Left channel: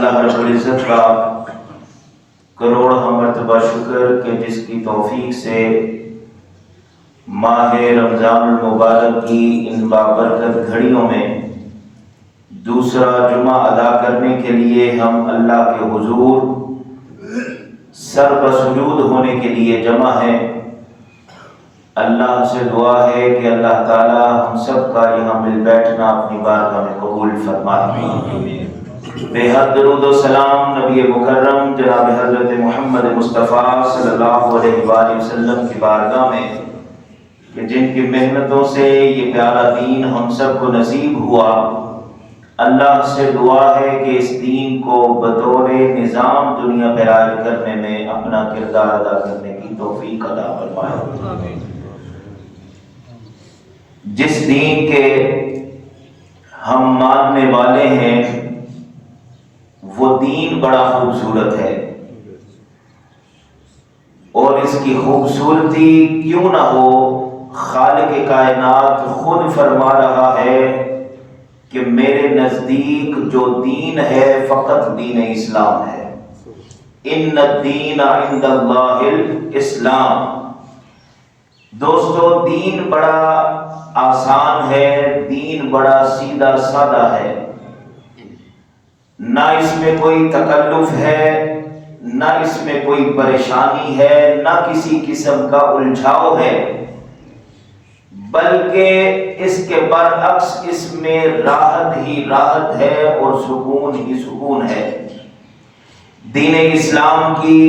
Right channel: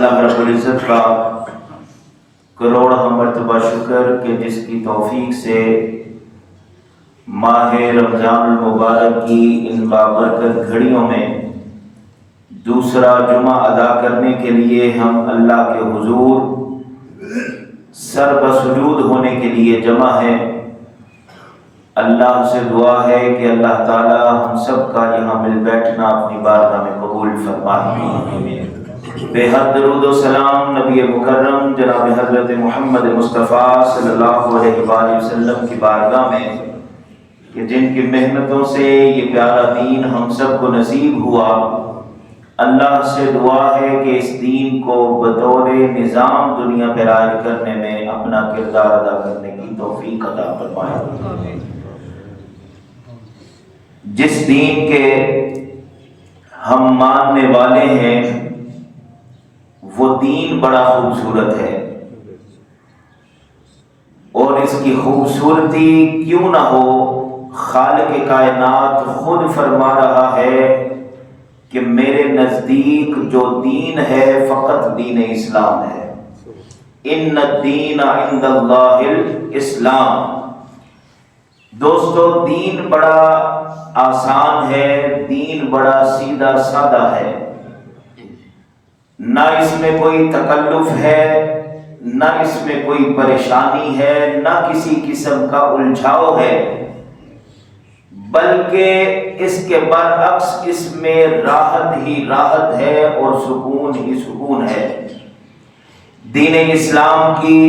اللہ رب العزت کا کروڑ مرتبہ شکر کہ جس کی توفیق سے ماہ رمضان المبارک کی ان بابرکت گھڑیوں میں دوسرا جمعہ ادا کرنے کے لیے ہم اللہ کے حضور سر بسجود ہونے کے لیے جمع ہیں۔ اللہ سے دعا ہے کہ اللہ تعالی ہم سب کا یہاں مل بیٹھنا اپنی بارگاہ میں قبول فرمائے۔ بے حد درود و سلام نبی مکرم جناب حضرت محمد مصطفیٰ صلی اللہ علیہ وآلہ وسلم کی بارگاہ میں کہ جن کی محنتوں سے یہ پیارا دین ہم سب کو نصیب ہوا، اللہ سے دعا ہے کہ اس دین کو بطور نظام دنیا پہ رائج کرنے میں اپنا کردار ادا کرنے کی توفیق عطا فرمائے۔ جس دین کے ہم ماننے والے ہیں وہ دین بڑا خوبصورت ہے، اور اس کی خوبصورتی کیوں نہ ہو، خالق کائنات خود فرما رہا ہے کہ میرے نزدیک جو دین ہے فقط دین اسلام ہے۔ ان الدین عند اللہ الاسلام۔ دوستو، دین بڑا آسان ہے، دین بڑا سیدھا سادہ ہے، نہ اس میں کوئی تکلف ہے، نہ اس میں کوئی پریشانی ہے، نہ کسی قسم کا الجھاؤ ہے، بلکہ اس کے برعکس اس میں راحت ہی راحت ہے اور سکون ہی سکون ہے۔ دین اسلام کی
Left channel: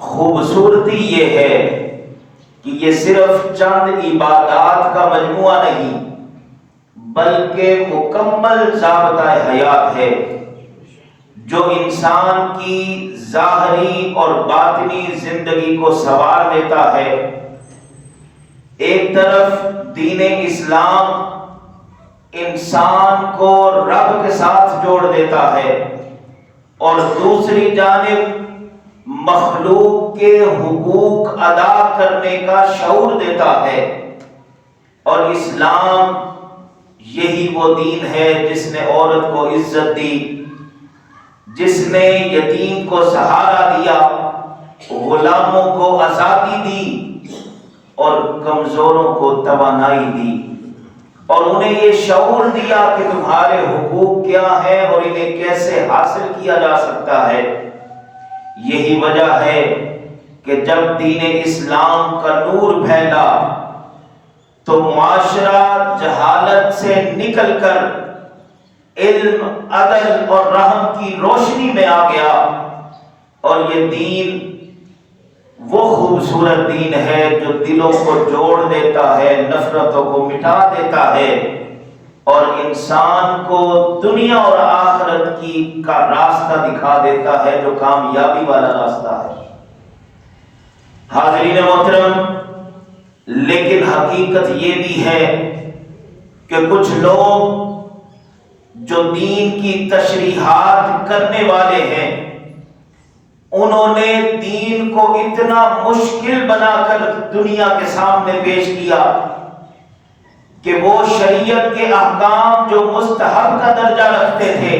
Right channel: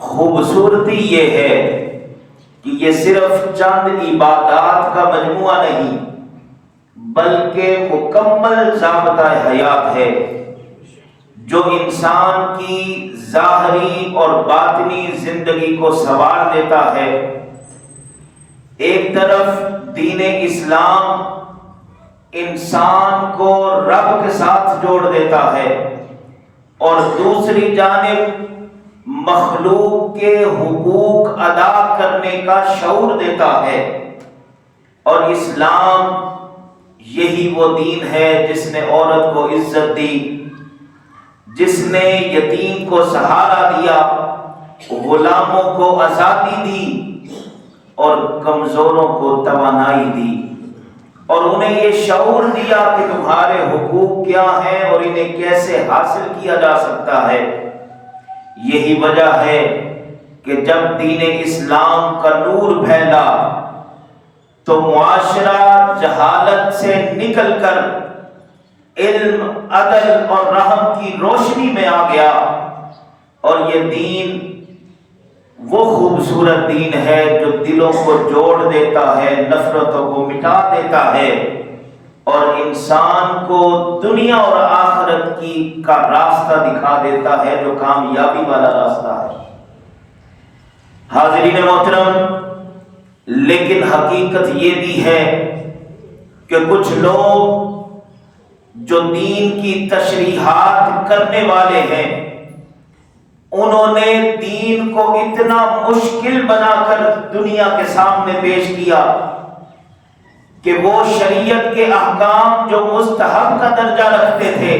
خوبصورتی یہ ہے کہ یہ صرف چند عبادات کا مجموعہ نہیں بلکہ مکمل ضابطہ حیات ہے جو انسان کی ظاہری اور باطنی زندگی کو سنوار دیتا ہے۔ ایک طرف دین اسلام انسان کو رب کے ساتھ جوڑ دیتا ہے، اور دوسری جانب مخلوق کے حقوق ادا کرنے کا شعور دیتا ہے۔ اور اسلام یہی وہ دین ہے جس نے عورت کو عزت دی، جس نے یتیم کو سہارا دیا، غلاموں کو آزادی دی اور کمزوروں کو توانائی دی، اور انہیں یہ شعور دیا کہ تمہارے حقوق کیا ہیں اور انہیں کیسے حاصل کیا جا سکتا ہے۔ یہی وجہ ہے کہ جب دین اسلام کا نور پھیلا تو معاشرہ جہالت سے نکل کر علم، عدل اور رحم کی روشنی میں آ گیا، اور یہ دین وہ خوبصورت دین ہے جو دلوں کو جوڑ دیتا ہے، نفرتوں کو مٹا دیتا ہے، اور انسان کو دنیا اور آخرت کا راستہ دکھا دیتا ہے جو کامیابی والا راستہ ہے۔ حاضرین محترم، لیکن حقیقت یہ بھی ہے کہ کچھ لوگ جو دین کی تشریحات کرنے والے ہیں، انہوں نے دین کو اتنا مشکل بنا کر دنیا کے سامنے پیش کیا کہ وہ شریعت کے احکام جو مستحب کا درجہ رکھتے تھے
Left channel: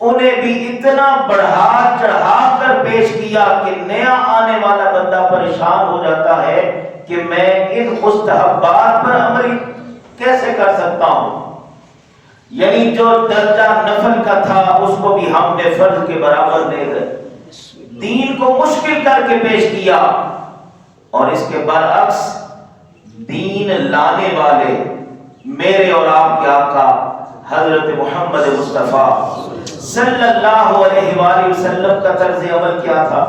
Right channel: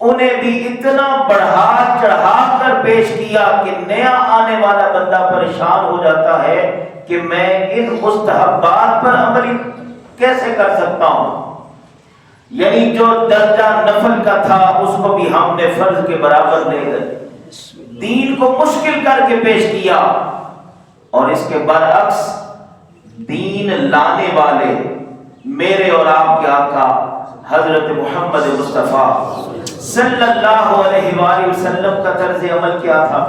انہیں بھی اتنا بڑھا چڑھا کر پیش کیا کہ نیا آنے والا بندہ پریشان ہو جاتا ہے کہ میں ان مستحبات پر عمل کیسے کر سکتا ہوں۔ یعنی جو درجہ نفل کا تھا اس کو بھی ہم نے فرض کے برابر دے کر دین کو مشکل کر کے پیش کیا، اور اس کے برعکس دین لانے والے میرے اور آپ کے آقا حضرت محمد مصطفیٰ صلی اللہ علیہ وآلہ وسلم کا طرز عمل کیا تھا۔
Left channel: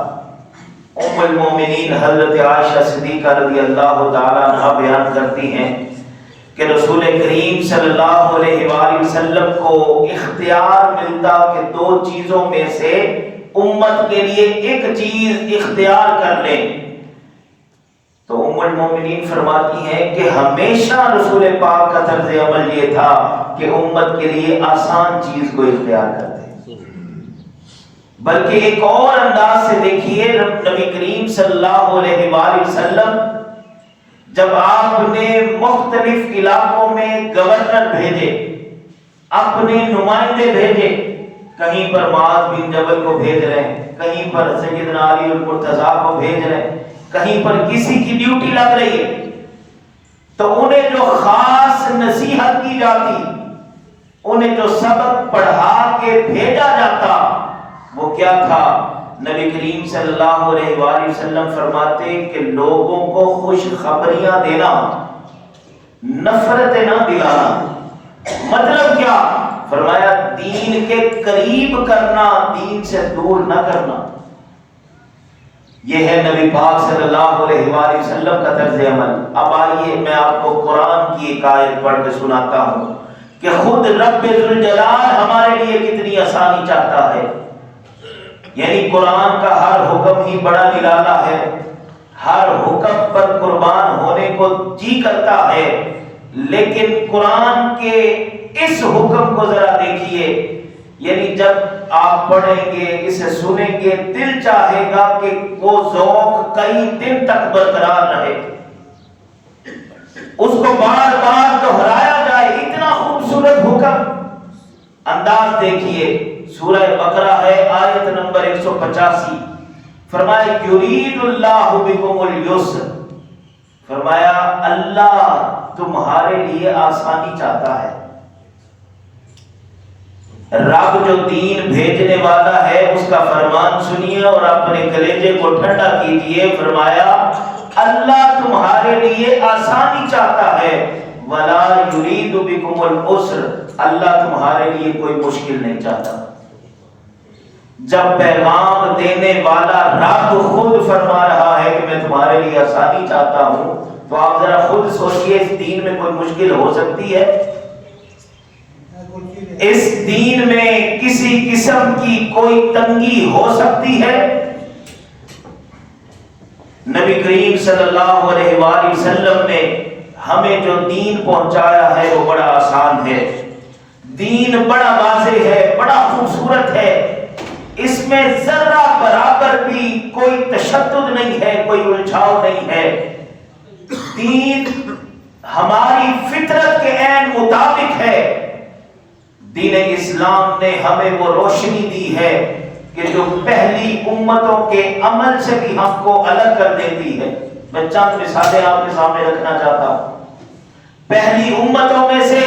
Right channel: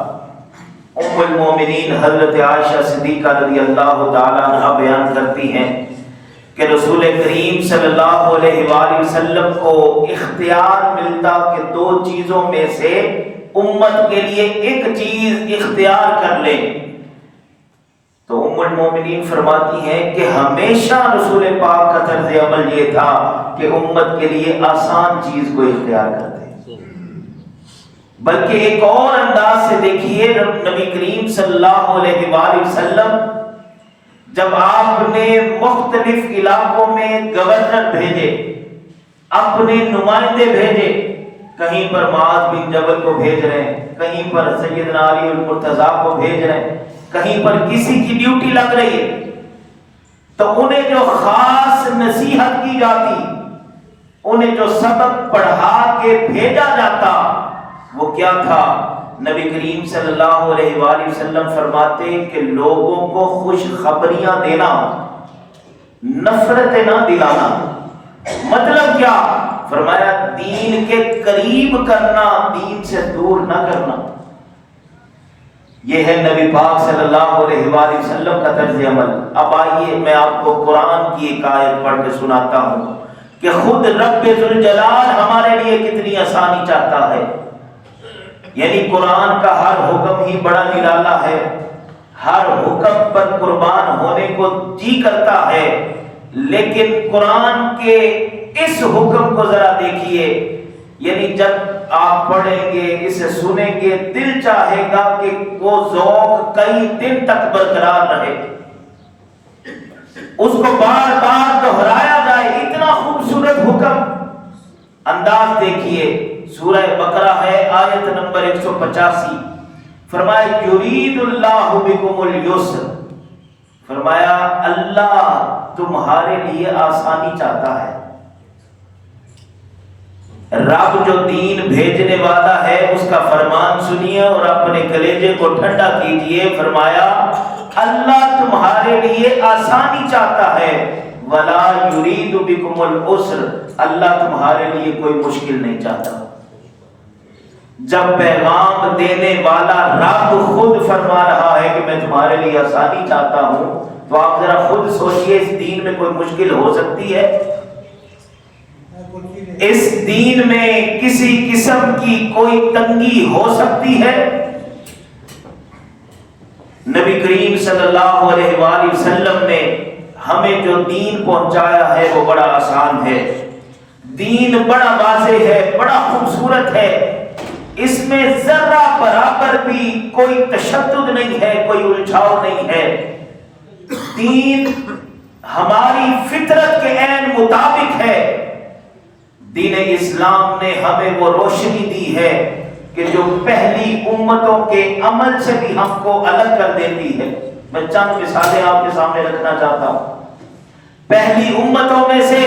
ام المومنین حضرت عائشہ صدیقہ رضی اللہ تعالیٰ عنہا بیان کرتی ہیں کہ رسول کریم صلی اللہ علیہ وآلہ وسلم کو اختیار ملتا کہ دو چیزوں میں سے امت کے لیے ایک چیز اختیار کر لیں، تو ام المومنین فرماتی ہیں کہ ہمیشہ رسول پاک کا طرز عمل یہ تھا کہ امت کے لیے آسان چیز کو اختیار کرتے، بلکہ ایک اور انداز سے دیکھیے نبی کریم صلی اللہ علیہ وآلہ وسلم جب آپ نے مختلف علاقوں میں گورنر بھیجے، اپنے نمائندے بھیجے، کہیں پر معاذ بن جبل کو بھیج رہے ہیں، کہیں پر سیدنا علی المرتضیٰ کو بھیج رہے ہیں، کہیں پر کسی کی ڈیوٹی لگ رہی ہے، تو انہیں جو خاص نصیحت کی جاتی، انہیں جو سبق پڑھا کے بھیجا جاتا، وہ کیا تھا؟ نبی کریم صلی اللہ علیہ وآلہ وسلم فرماتے کہ لوگوں کو خوش خبریاں دینا، نفرت نہ دلانا۔ مطلب کیا؟ فرمایا دین کے قریب کرنا، دین سے دور نہ کرنا۔ یہ ہے نبی پاک صلی اللہ علیہ وآلہ وسلم کا طرز عمل۔ اب آئیے میں آپ کو قرآن کی ایک آیت پڑھ کے سناتا ہوں کہ خود رب ذوالجلال ہمارے لیے کتنی آسانی چاہتا ہے۔ یعنی قرآن کا ہر حکم ہی بڑا نرالا ہے، ہر حکم پر قربان ہونے کو جی کرتا ہے، لیکن قرآن کے اس حکم کو ذرا دیکھیے، یعنی جب آپ پڑھیں گے، اسے سنیں گے، دل چاہے گا کہ وہ ذوق کئی دن تک برقرار رہے، اس کو بار بار دہرایا جائے، اتنا خوبصورت حکم۔ انداز دیکھیے، سورہ بقرہ ہے، آیت نمبر 185، فرمایا یرید اللہ بکم اليسر، فرمایا اللہ تمہارے لیے آسانی چاہتا ہے۔ رب جو دین بھیجنے والا ہے اس کا فرمان سنیے اور اپنے کلیجے کو ٹھنڈا کیجیے۔ فرمایا اللہ تمہارے لیے آسانی چاہتا ہے، ولا یرید بکم العسر، اللہ تمہارے لیے کوئی مشکل نہیں چاہتا۔ جب پیغام دینے والا رب خود فرما رہا ہے کہ میں تمہارے لیے آسانی چاہتا ہوں، تو آپ ذرا خود سوچئے اس دین میں کوئی مشکل ہو سکتی ہے؟ اس دین میں کسی قسم کی کوئی تنگی ہو سکتی ہے؟ نبی کریم صلی اللہ علیہ وآلہ وسلم نے ہمیں جو دین پہنچایا ہے وہ بڑا آسان ہے، دین بڑا واضح ہے، بڑا خوبصورت ہے، اس میں ذرہ برابر بھی کوئی تشدد نہیں ہے، کوئی الجھاؤ نہیں ہے۔ دین ہماری فطرت کے عین مطابق ہے۔ دین اسلام نے ہمیں وہ روشنی دی ہے کہ جو پہلی امتوں کے عمل سے بھی ہم کو الگ کر دیتی ہے۔ میں چند مثالیں آپ کے سامنے رکھنا چاہتا ہوں۔ پہلی امتوں میں سے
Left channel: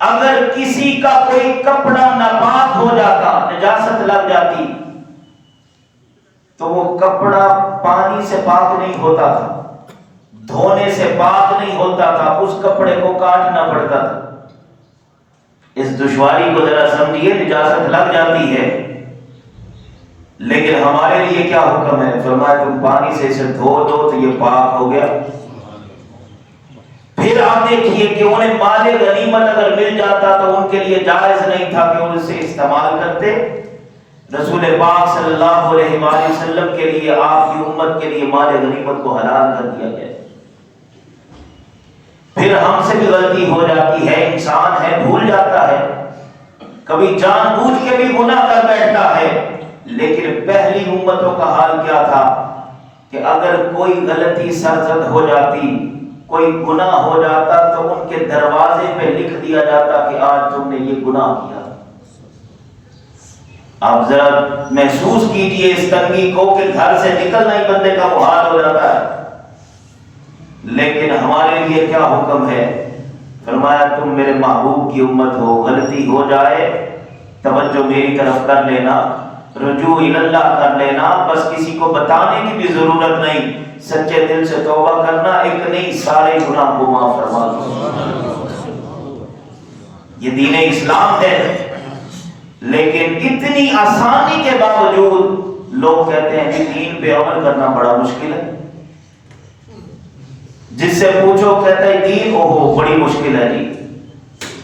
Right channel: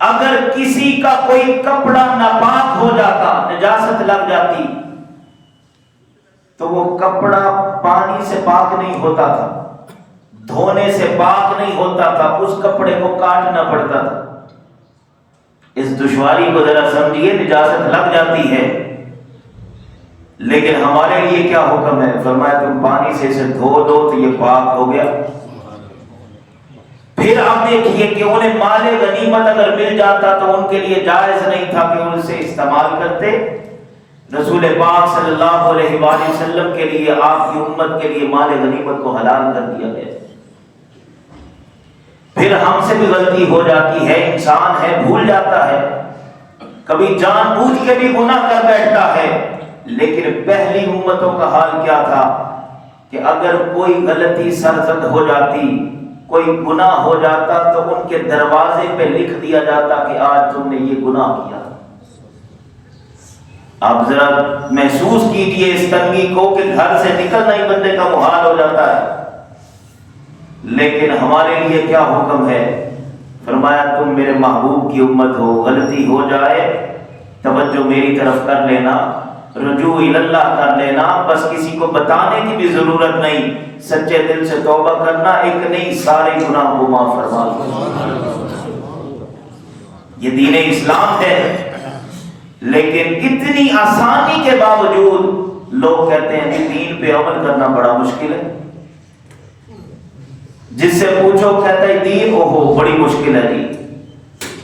اگر کسی کا کوئی کپڑا ناپاک ہو جاتا، نجاست لگ جاتی، تو وہ کپڑا پانی سے پاک نہیں ہوتا تھا، دھونے سے پاک نہیں ہوتا تھا، اس کپڑے کو کاٹنا پڑتا تھا۔ اس دشواری کو ذرا سمجھیے، نجاست لگ جاتی ہے، لیکن ہمارے لیے کیا حکم ہے؟ فرمایا تم پانی سے اسے دھو دو تو یہ پاک ہو گیا۔ پھر آپ دیکھیے کہ انہیں مال غنیمت اگر مل جاتا تو ان کے لیے جائز نہیں تھا کہ ان سے استعمال کرتے۔ رسول پاک صلی اللہ علیہ وآلہ وسلم کے لیے، آپ کی امت کے لیے مال غنیمت کو حلال کر دیا گیا۔ پھر ہم سے بھی غلطی ہو جاتی ہے، انسان ہے، بھول جاتا ہے، کبھی جان بوجھ کے بھی گناہ کر بیٹھتا ہے، لیکن پہلی امتوں کا حال کیا تھا کہ اگر کوئی غلطی سرزد ہو جاتی، کوئی گناہ ہو جاتا، تو ان کے دروازے پہ لکھ دیا جاتا کہ آج تم نے یہ گناہ کیا۔ آپ ذرا محسوس کیجئے اس تنگی کو کہ گھر سے نکلنا ہی بندے کا محال ہو جاتا ہے، لیکن ہمارے لیے کیا حکم ہے؟ فرمایا تم میرے محبوب کی امت ہو، غلطی ہو جائے توجہ میری طرف کر لینا، رجوع اللہ کر لینا، بس کسی کو بتانے کی بھی ضرورت نہیں، سچے دل سے توبہ کرنا، ایک نہیں سارے گناہ کو معاف فرما دو۔ یہ دین اسلام ہے، لیکن اتنی آسانی کے باوجود لوگ کہتے ہیں کہ دین پہ عمل کرنا بڑا مشکل ہے۔ جس سے پوچھو کہتا ہے دین اوہو بڑی مشکل ہے جی،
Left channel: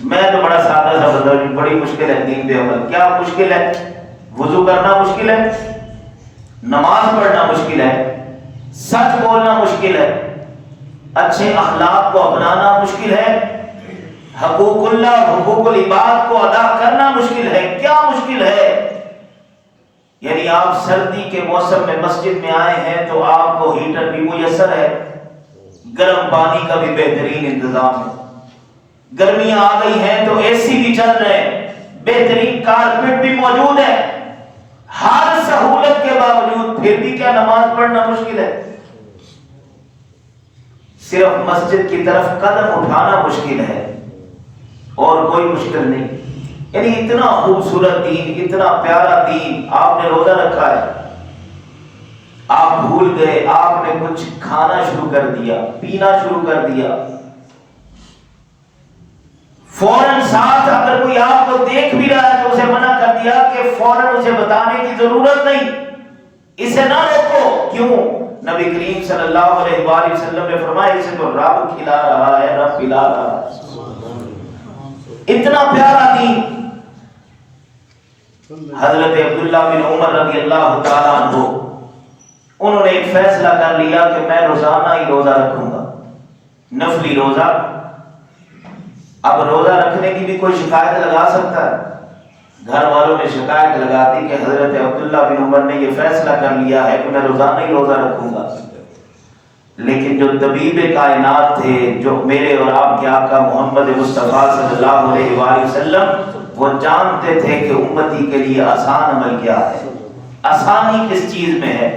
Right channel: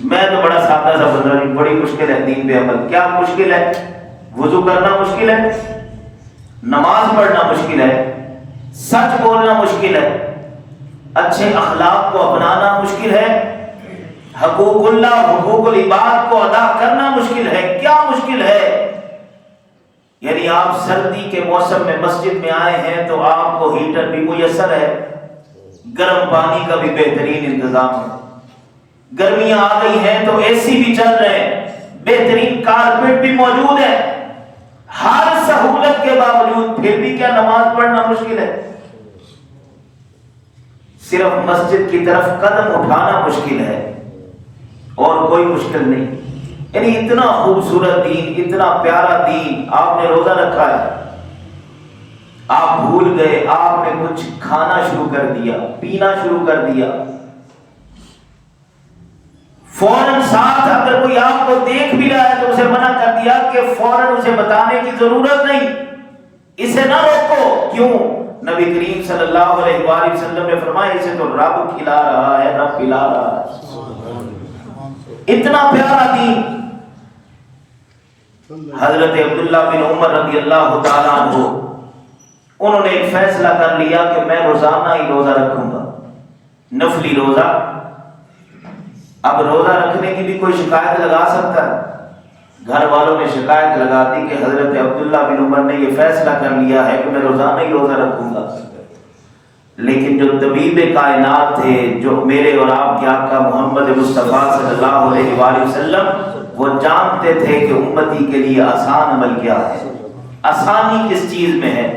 میں تو بڑا سادہ سا بندہ ہوں، بڑی مشکل ہے دین پہ عمل۔ کیا مشکل ہے؟ وضو کرنا مشکل ہے، نماز پڑھنا مشکل ہے، سچ بولنا مشکل ہے، اچھے اخلاق کو اپنانا مشکل ہے، حقوق اللہ اور حقوق العباد کو ادا کرنا مشکل ہے۔ کیا مشکل ہے؟ یعنی آپ سردی کے موسم میں مسجد میں آئے ہیں تو آپ کو ہیٹر بھی میسر ہے، گرم پانی کا بھی بہترین انتظام ہے، گرمیاں آ گئی ہیں تو اے سی بھی چل رہے ہیں، بہترین کارپیٹ بھی موجود ہے، ہر سہولت کے باوجود پھر بھی کیا نماز پڑھنا مشکل ہے؟ صرف مسجد کی طرف قدم اٹھانا مشکل ہے اور کوئی مشکل نہیں۔ یعنی اتنا خوبصورت دین، اتنا پیارا دین، آپ نے روزہ رکھا ہے، آپ بھول گئے، آپ نے کچھ کھانا شروع کر دیا، پینا شروع کر دیا، فوراً ساتھ اگر کوئی آپ کو دیکھ بھی رہا ہے تو اسے منع کر دیا کہ فوراً اسے بتانے کی ضرورت نہیں، اسے نہ روکو۔ کیوں؟ نبی کریم صلی اللہ علیہ وآلہ وسلم نے فرمایا اسے تو رب کھلا رہا ہے، رب پلا رہا ہے۔ اتنا پیارا دین۔ حضرت عبداللہ بن عمر رضی اللہ تعالیٰ عنہ، انہوں نے ایک فیصلہ کر لیا کہ میں روزانہ ہی روزہ رکھوں گا، نفلی روزہ۔ اب روزہ رکھنے کی بھی کوئی شکایت لگا سکتا ہے؟ گھر والوں نے شکایت لگا دی کہ حضرت عبداللہ بن عمر نے یہ فیصلہ کر لیا ہے کہ میں روزانہ ہی روزہ رکھوں گا۔ لیکن جو طبیب کائنات تھے، جو میرے اور آپ کے آقا محمد مصطفیٰ صلی اللہ علیہ وآلہ وسلم، وہ جانتے تھے کہ امتی کے لیے آسان عمل کیا ہے، آسانی کس چیز میں ہے۔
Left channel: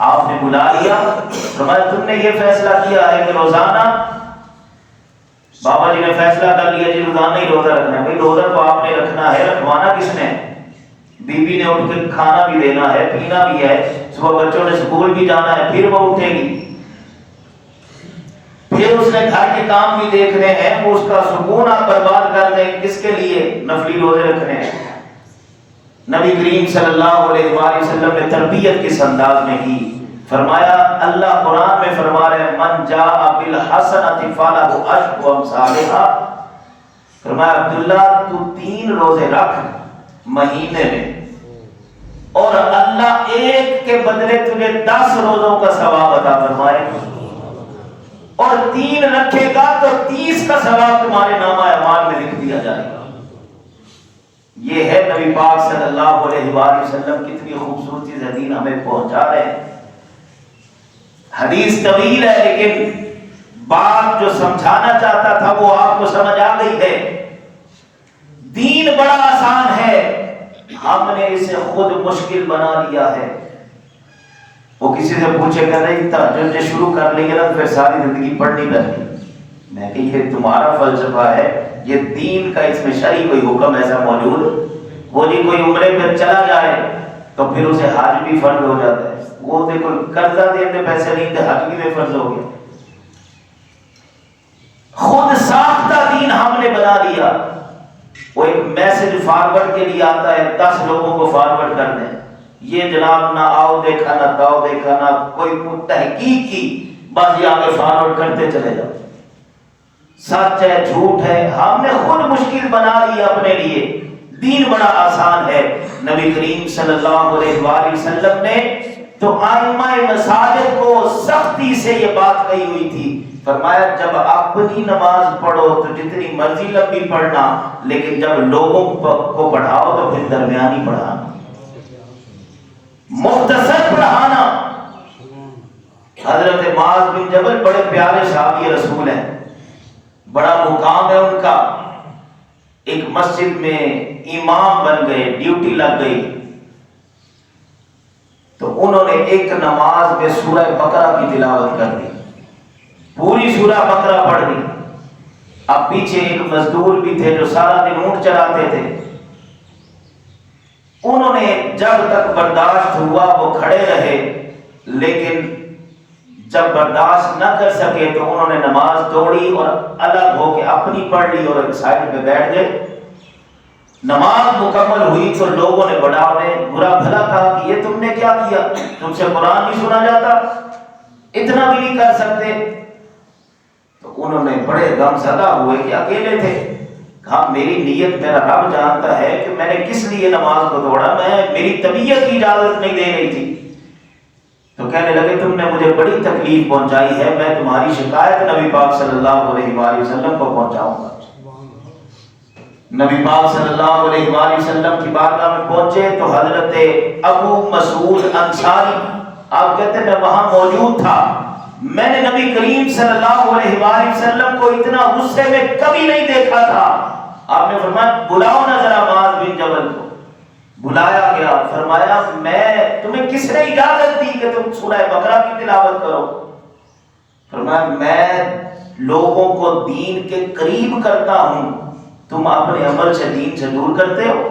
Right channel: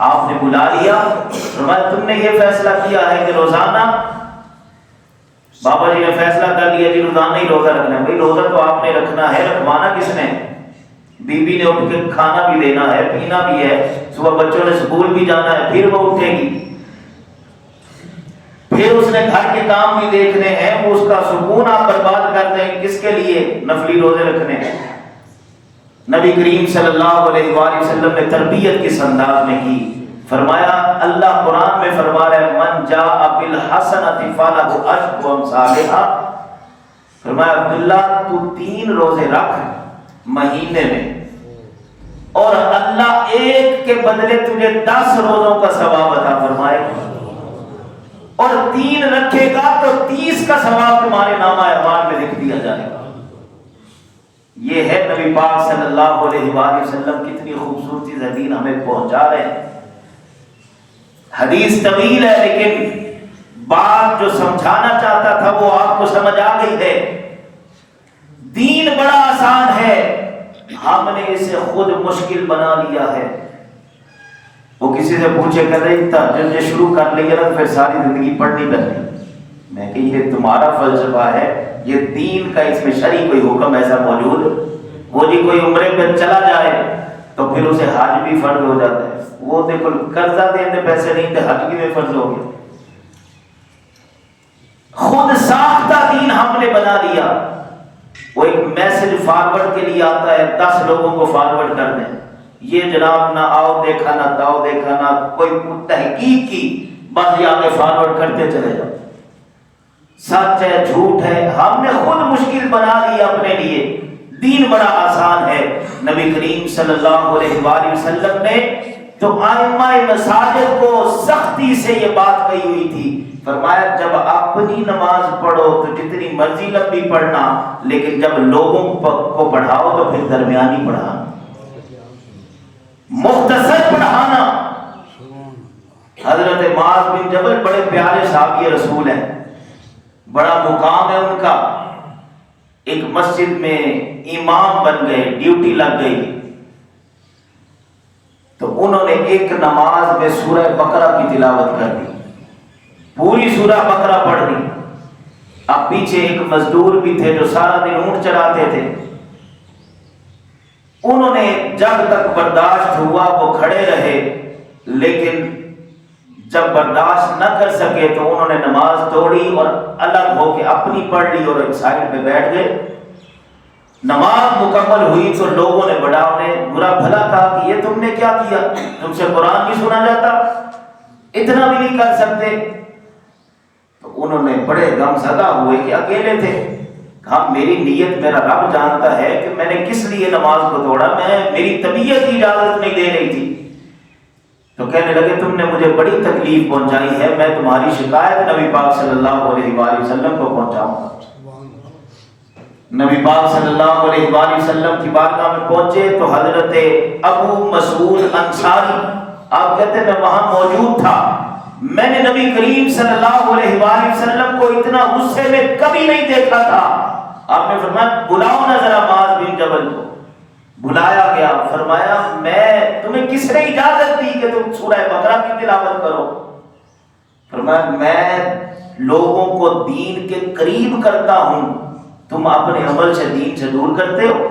آپ نے بلا لیا، فرمایا تم نے یہ فیصلہ کیا ہے کہ روزانہ، بابا جی نے فیصلہ کر لیا جی روزانہ ہی روزہ رکھنا ہے۔ بھائی روزہ تو آپ نے رکھنا ہے، رکھوانا کس نے؟ بی بی نے اٹھ کے کھانا بھی دینا ہے، پینا بھی ہے، صبح بچوں نے اسکول بھی جانا ہے، پھر وہ اٹھے گی، پھر اس نے گھر کے کام بھی دیکھنے ہیں، وہ اس کا سکون آپ برباد کر دیں کس کے لیے؟ نفلی روزے رکھنے ہیں۔ نبی کریم صلی اللہ علیہ وآلہ وسلم نے تربیت کس انداز میں کی؟ فرمایا، اللہ قرآن میں فرما رہے ہیں من جاء بالحسنۃ فلہ عشر امثالھا، فرمایا عبداللہ تو 3 روزے رکھ مہینے میں اور اللہ ایک کے بدلے تجھے 10 روزوں کا ثواب عطا فرمائے گا، اور 3 رکھے گا تو 30 کا ثواب تمہارے نامہ اعمال میں لکھ دیا جائے گا۔ یہ ہے نبی پاک صلی اللہ علیہ وآلہ وسلم کتنی خوبصورتی سے دین ہمیں پہنچا رہے ہیں۔ حدیث طویل ہے لیکن بات جو سمجھانا چاہتا تھا وہ آپ کو سمجھ آ گئی ہے۔ دین بڑا آسان ہے، ہم نے اسے خود مشکل بنا لیا ہے۔ وہ کسی سے پوچھے کر رہی تھا جب یہ شروع کر لیا نا پھر ساری زندگی پڑھنی پڑتی، میں کہ یہ تمہارا فلسفہ ہے، یہ دین کا اس میں شرعی کوئی حکم ایسا موجود؟ وہ جی کوئی عمرے پہ چلا جائے تو پھر اسے حج بھی فرض ہو جاتا ہے، وہ دیکھو قرضہ دینے پیسے نہیں تھے، حج بھی میں فرض ہو گیا۔ خود ساختہ دین ہم نے بنا لیا۔ وہ ایک میسج فارورڈ کے لیے آتا ہے، 10 لوگوں کو فارورڈ کر دیں، یہ جناب نہ آؤ دیکھا نہ داؤ دیکھا نہ کوئی تحقیق کی، بس یہ آگے فارورڈ کرتے چلے جاؤ، سچ ہے جھوٹ ہے، ہم نے خود مشکل بنا لی اپنے لیے۔ دین بڑا آسان ہے۔ نبی کریم صلی اللہ علیہ وآلہ وسلم نے تو ائمہ مساجد کو سختی سے یہ بات کہی ہوئی تھی، فرمایا جب اپنی نماز پڑھو تو جتنی مرضی لمبی پڑھنا، لیکن جب لوگوں کو پڑھاؤ تو پھر درمیانی پڑھانا، مختصر پڑھانا۔ حضرت معاذ بن جبل بڑے پیارے صحابی رسول ہیں، بڑا مقام ہے ان کا، ایک مسجد میں امام بن گئے، ڈیوٹی لگ گئی، تو انہوں نے ایک نماز میں سورہ بقرہ کی تلاوت کر دی، پوری سورہ بقرہ پڑھ دی۔ اب پیچھے ایک مزدور بھی تھے جو سارا دن اونٹ چراتے تھے، انہوں نے جب تک برداشت ہوا وہ کھڑے رہے، لیکن جب برداشت نہ کر سکے تو انہوں نے نماز توڑی اور الگ ہو کے اپنی پڑھ لی اور ایک سائڈ پہ بیٹھ گئے۔ نماز مکمل ہوئی تو لوگوں نے بڑا انہیں برا بھلا کہا کہ یہ تم نے کیا کیا، تم سے قرآن نہیں سنا جاتا، اتنا بھی نہیں کر سکتے؟ تو انہوں نے بڑے غم زدہ ہوئے کہ اکیلے تھے، کہا میری نیت میرا رب جانتا ہے کہ میں نے کس لیے نماز کو توڑا، میری طبیعت کی اجازت نہیں دے رہی تھی۔ تو کہنے لگے تم نے مجھے بڑی تکلیف پہنچائی ہے، میں تمہاری شکایت نبی پاک صلی اللہ علیہ وآلہ وسلم کو پہنچاؤں گا۔ نبی پاک صلی اللہ علیہ وآلہ وسلم کی بارگاہ میں پہنچے تو حضرت ابو مسعود انصاری، آپ کہتے ہیں میں وہاں موجود تھا، میں نے نبی کریم صلی اللہ علیہ وآلہ وسلم کو اتنا غصے میں کبھی نہیں دیکھا تھا۔ آپ نے فرمایا بلاؤ نہ ذرا معاذ بن جبل کو. بلایا گیا. فرمایا میں تمہیں کس نے اجازت دی کہ تم سورہ بقرہ کی تلاوت کرو؟ فرمایا میں لوگوں کو دین کے قریب کرتا ہوں، تم اپنے عمل سے دین سے دور کرتے ہو.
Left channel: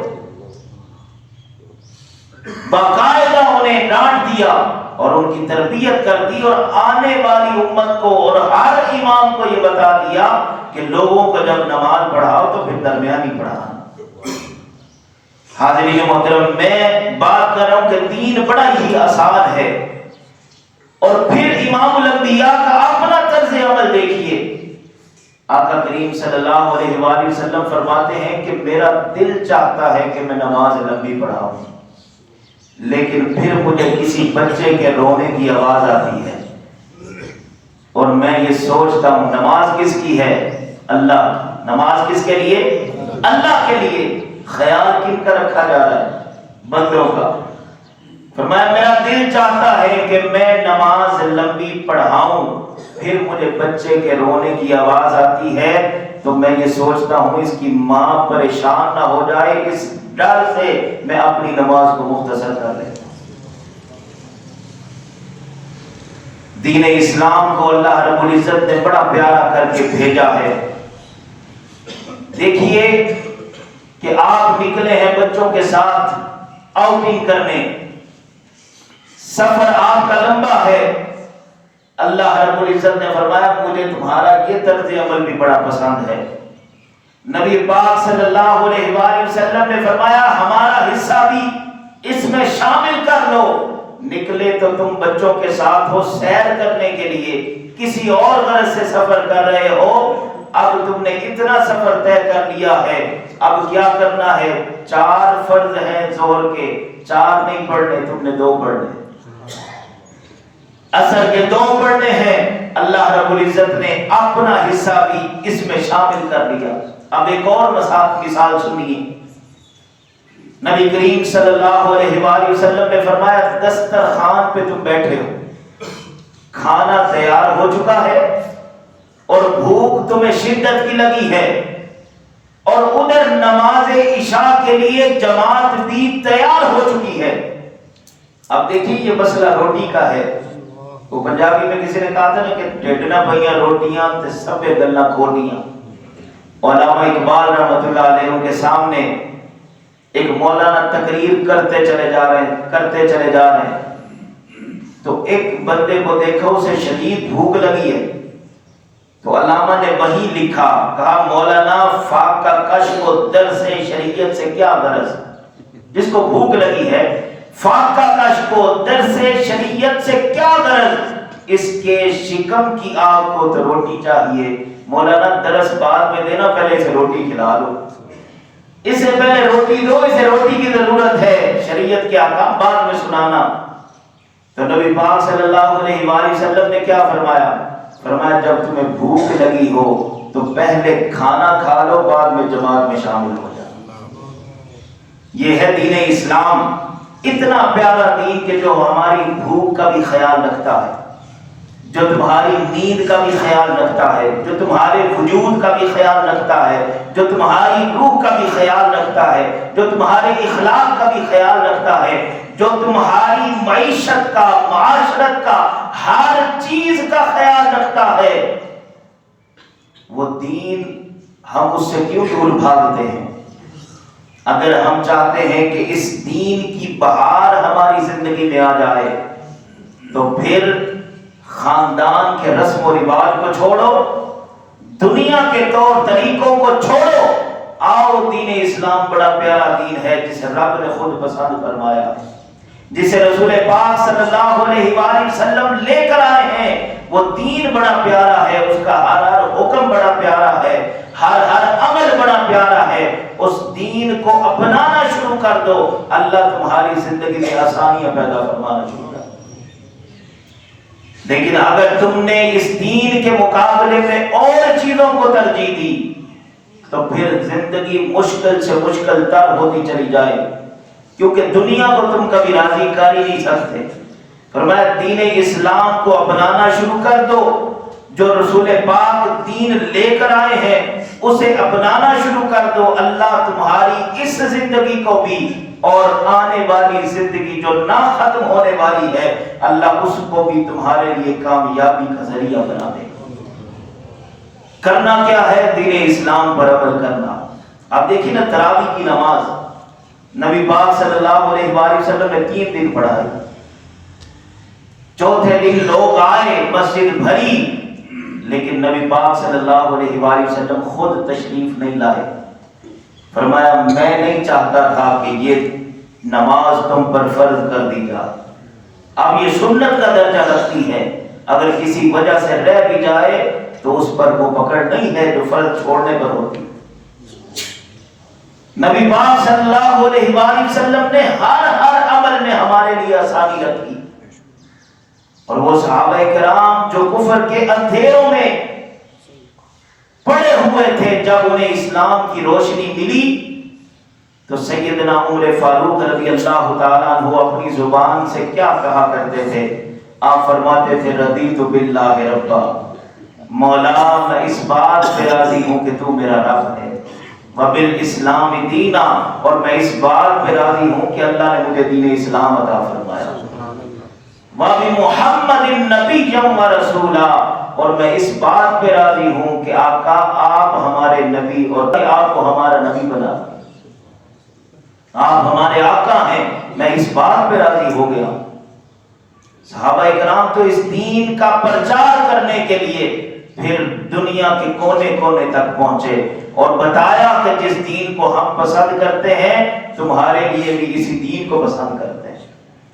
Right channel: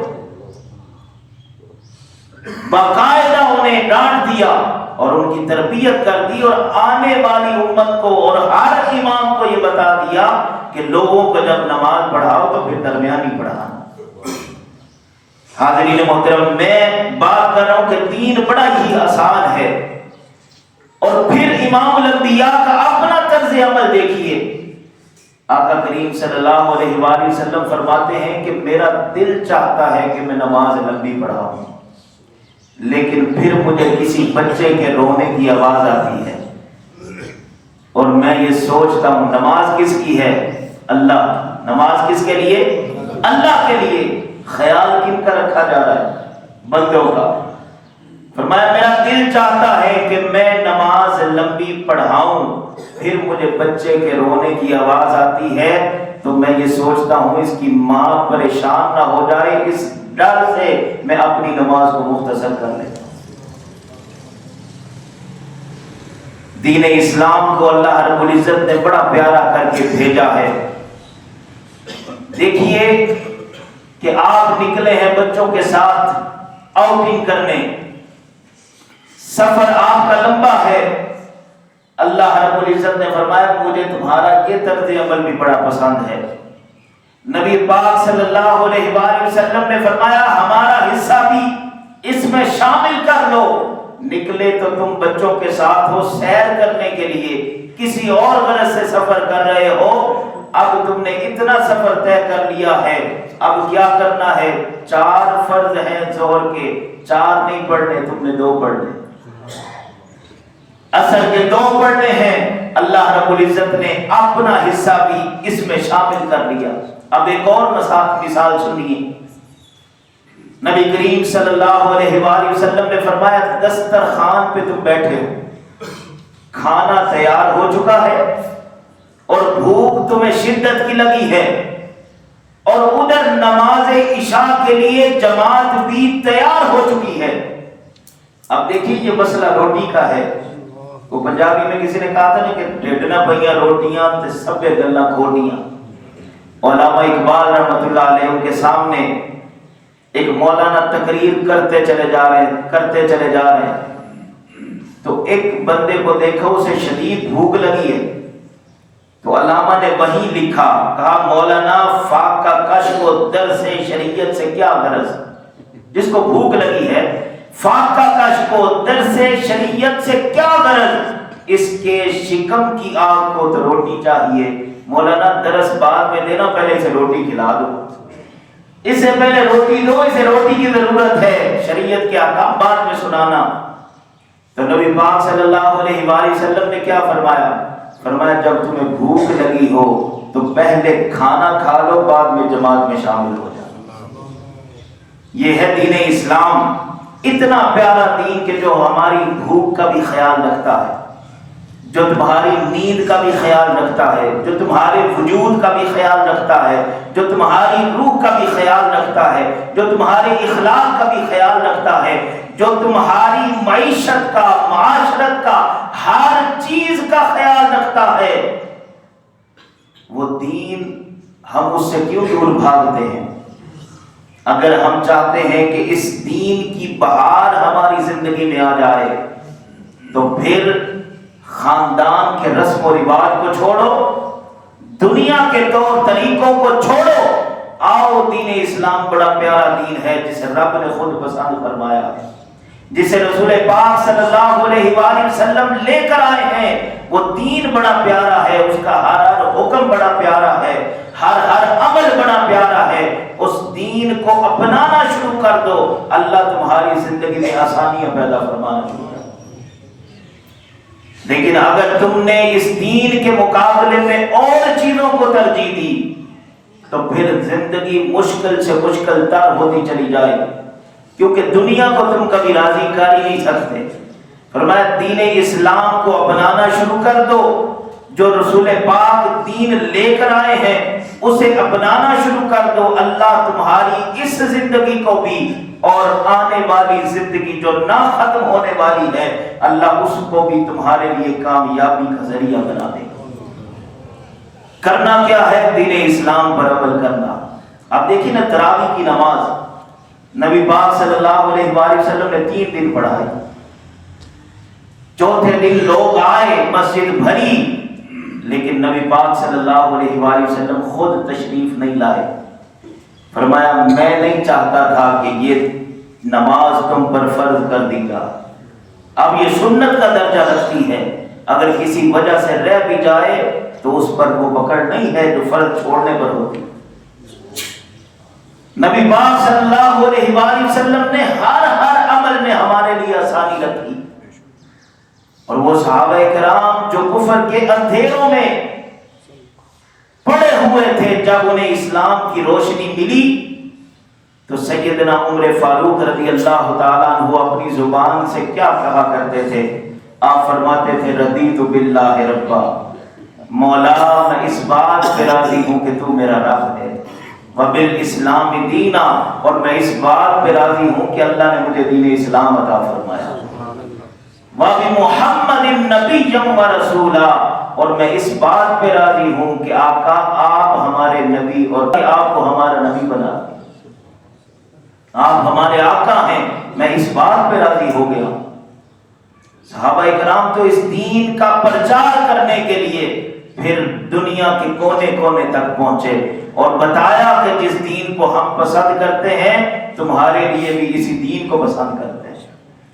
باقاعدہ انہیں ڈانٹ دیا اور ان کی تربیت کر دی، اور آنے والی امت کو اور ہر امام کو یہ بتا دیا کہ لوگوں کو جب نماز پڑھاؤ تو پھر درمیانی پڑھانا. حاضرین محترم، میں بات کر رہا ہوں کہ دین بڑا ہی آسان ہے. اور پھر امام الانبیاء کا اپنا طرز عمل دیکھیے. آقا کریم صلی اللہ علیہ وآلہ وسلم فرماتے ہیں کہ میرا دل چاہتا ہے کہ میں نماز لمبی پڑھاؤں، لیکن پھر مجھے کسی بچے کے رونے کی آواز آتی ہے اور میں یہ سوچتا ہوں نماز کس کی ہے؟ اللہ کی. نماز کس کے لیے؟ اللہ کے لیے. خیال کن کا رکھا جا رہا ہے؟ بندوں کا. فرمایا میرا دل چاہتا ہے کہ میں نماز لمبی پڑھاؤں، پھر مجھے بچے کے رونے کی آواز آتی ہے تو میں یہ سوچتا ہوں اس کی ماں پریشان نہ ہو جائے، اس ڈر سے میں اپنی نماز کو مختصر کر لیتا ہوں. دین اسلام کو اللہ رب العزت نے بڑا پیارا کر کے بھیجا ہے. دیکھیے کہ آپ نکلے ہیں بچوں کے ساتھ آؤٹنگ کرنے، سفر آپ کا لمبا ہے. اللہ رب العزت نے فرمایا مجھے تمہارا یہ طرز عمل بھی بڑا پسند ہے. نبی پاک صلی اللہ علیہ وآلہ وسلم نے فرمایا ہمارا حصہ بھی اس میں شامل کر لو. نکلے تو تم بچوں کے ساتھ ہو سیر کرنے کے لیے، کسی اور غرض سے سفر کر رہے ہو. اب تم نے اتنا سفر طے کر لیا ہے، اب کیا کرنا ہے؟ 4 فرض ہیں ظہر کے، 4 نہیں پڑھنے، تم نے 2 پڑھنے. عصر کے 2 پڑھنے ہیں. اللہ رب العزت نے اپنا حصہ بھی اس میں شامل کر لیا. اب ایک اور مثال سنیے. نبی کریم صلی اللہ علیہ وآلہ وسلم نے فرمایا دسترخوان پہ تم بیٹھے ہو، کھانا تیار ہو چکا ہے اور بھوک تمہیں شدت کی لگی ہے، اور ادھر نماز عشاء کے لیے جماعت بھی تیار ہو چکی ہے. اب دیکھیے یہ مسئلہ روٹی کا ہے. وہ پنجابی میں کسی نے کہا تھا نا کہ ڈھڈنا پہیاں روٹیاں تے سبے گلا کھولیاں. علامہ اقبال رحمۃ اللہ علیہ کے سامنے ایک مولانا تقریر کرتے چلے جا رہے ہیں تو ایک بندے کو دیکھا اسے شدید بھوک لگی ہے. تو علامہ نے وہی لکھا، کہا مولانا فاق کا کشف و درس شریعت سے کیا غرض؟ جس کو بھوک لگی ہے فاق کا کشف و درس شریعت سے کیا غرض؟ اس کے شکم کی آگ کو تو روٹی چاہیے. مولانا درس بعد میں دینا، پہلے سے روٹی کھلا دو، اس سے پہلے روٹی دو، اسے روٹی کی ضرورت ہے، شریعت کے احکام بعد میں سنانا. تو نبی پاک صلی اللہ علیہ وآلہ وسلم نے کیا فرمایا؟ فرمایا جب تمہیں بھوک لگی ہو تو پہلے کھانا کھا لو، بعد میں جماعت میں شامل ہو جاؤ. یہ ہے دین اسلام. اتنا پیارا دین کہ جو ہماری بھوک کا بھی خیال رکھتا ہے، جو تمہاری نیند کا بھی خیال رکھتا ہے، جو تمہارے وجود کا بھی خیال رکھتا ہے، جو تمہاری روح کا بھی خیال رکھتا ہے، جو تمہارے اخلاق کا بھی خیال رکھتا ہے، جو تمہاری معیشت کا، معاشرت کا، ہر چیز کا خیال رکھتا ہے. وہ دین ہم اس سے کیوں دور بھاگتے ہیں؟ اگر ہم چاہتے ہیں کہ اس دین کی بہار ہماری زندگی میں آ جائے تو پھر خاندان کے رسم و رواج کو چھوڑو، دنیا کے طور طریقوں کو چھوڑو، آؤ دین اسلام بڑا پیارا دین ہے جسے رب نے خود پسند فرمایا ہے، جسے رسول پاک صلی اللہ علیہ وآلہ وسلم لے کر آئے ہیں. وہ دین بڑا پیارا ہے، اس کا ہر حکم بڑا پیارا ہے، ہر عمل بڑا پیارا ہے. اس دین کو اپنانا شروع کر دو، اللہ تمہاری زندگی میں آسانیاں پیدا فرمانا شروع کر دو. لیکن اگر تم نے اس دین کے مقابلے میں اور چیزوں کو ترجیح دی تو پھر زندگی مشکل سے مشکل تر ہوتی چلی جائے گی، کیونکہ دنیا کو تم کبھی راضی کر ہی نہیں سکتے. فرمایا دین اسلام کو اپنانا شروع کر دو، جو رسول پاک دین لے کر آئے ہیں اسے اپنانا شروع کر دو، اللہ تمہاری اس زندگی کو بھی اور آنے والی زندگی جو نہ ختم ہونے والی ہے اللہ اس کو بھی تمہارے لیے کامیابی کا ذریعہ بنا دے گا۔ کرنا کیا ہے؟ دین اسلام پر عمل کرنا۔ آپ دیکھیں نا تراویح کی نماز نبی پاک صلی اللہ علیہ وآلہ وسلم نے 3 دن پڑھائی، چوتھے دن لوگ آئے، مسجد بھری، لیکن نبی پاک صلی اللہ علیہ وآلہ وسلم خود تشریف نہیں لائے۔ فرمایا میں نہیں چاہتا تھا کہ یہ نماز تم پر فرض کر دی جائے، اب یہ سنت کا درجہ رکھتی ہے، اگر کسی وجہ سے رہ بھی جائے تو اس پر وہ پکڑ نہیں ہے جو فرض چھوڑنے پر ہوتی۔ نبی پاک صلی اللہ علیہ وآلہ وسلم نے ہر عمل میں ہمارے لیے آسانی رکھی، اور وہ صحابہ کرام جو کفر کے اندھیروں میں پڑے ہوئے تھے، جب انہیں اسلام کی روشنی ملی تو سیدنا عمر فاروق رضی اللہ تعالیٰ عنہ اپنی زبان سے کیا کہا کرتے تھے؟ آپ فرماتے تھے رضیت باللہ ربا، مولا میں اس بات پہ راضی ہوں کہ تو میرا رب ہے، وبالاسلام دینا، اور میں اس بات پہ راضی ہوں کہ اللہ نے مجھے دین اسلام عطا فرمایا، وبمحمد نبی و رسولا، اور میں اس بات پہ راضی ہوں کہ آقا آپ ہمارے نبی اور آپ کو ہمارا نبی بنا، آپ ہمارے آقا ہیں، میں اس بات پہ راضی ہو گیا۔ صحابہ اکرام تو اس دین کا پرچار کرنے کے لیے پھر دنیا کے کونے کونے تک پہنچے اور بتایا کہ جس دین کو ہم پسند کرتے ہیں تمہارے لیے بھی اسی دین کو پسند کرتے ہیں،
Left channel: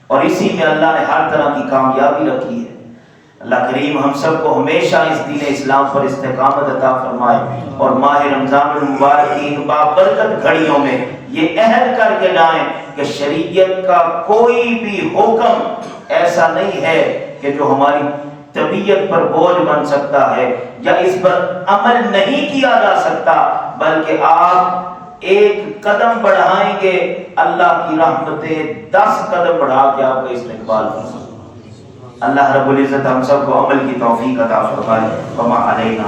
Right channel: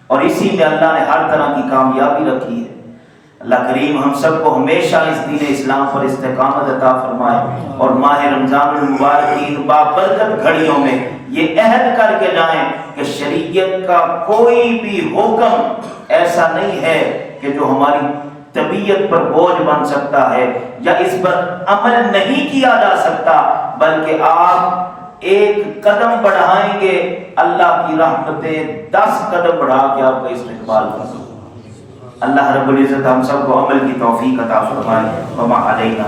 اور اسی میں اللہ نے ہر طرح کی کامیابی رکھی ہے۔ اللہ کریم ہم سب کو ہمیشہ اس دین اسلام پر استقامت عطا فرمائے، اور ماہ رمضان المبارک کی بابرکت گھڑیوں میں یہ عہد کر کے جائیں کہ شریعت کا کوئی بھی حکم ایسا نہیں ہے کہ جو ہماری طبیعت پر بوجھ بن سکتا ہے یا اس پر عمل نہیں کیا جا سکتا، بلکہ آپ ایک قدم بڑھائیں گے اللہ کی رحمتیں 10 قدم بڑھا کے آپ کا استقبال کریں گے۔ اللہ رب العزت ہم سب کو عمل کی توفیق عطا فرمائے، وما علینا۔